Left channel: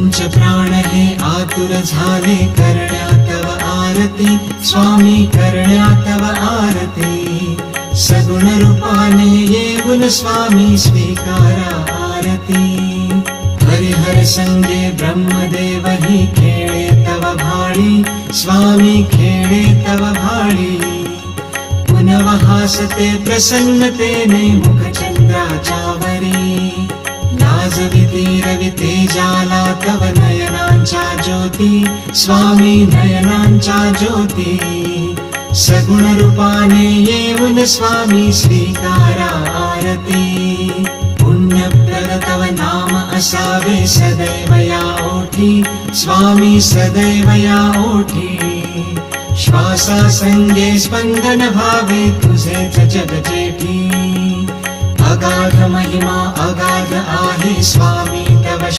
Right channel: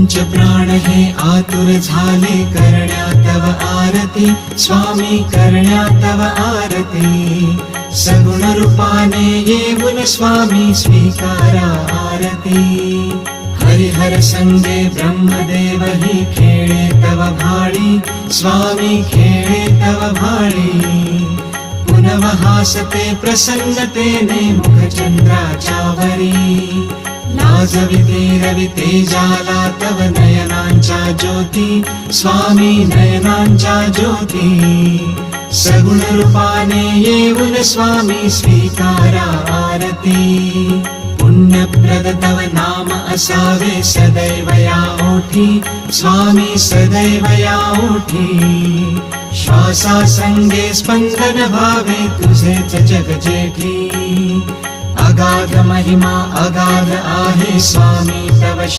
पंच प्राण हे आतुर झाले करण्या तव आरती स्वामी करण्या तव आरती सगुण रूपाने येऊन स्वामी स्वीकारा आरती हरिहर संगे ब्रह्मदेव ही खेळे तव भाळी स्वामी खेळे तव भाळी पुनव हासते प्रसन्नतेने मुखचंद्राच्यावरी लाजविते रविते जाला तव नयनांच्या ज्योती स्वामी नयनांच्या ज्योती सगुण रूपाने येऊन स्वामी स्वीकारा आरती पुण्यप्रद तव नाम असावे सदैव या ओठी स्वामी सदैव या ओठी श्वासा संगे स्पंदन भावे तुझेच जग जेठी अगाध महिमा अगाध आहे स्वामी तव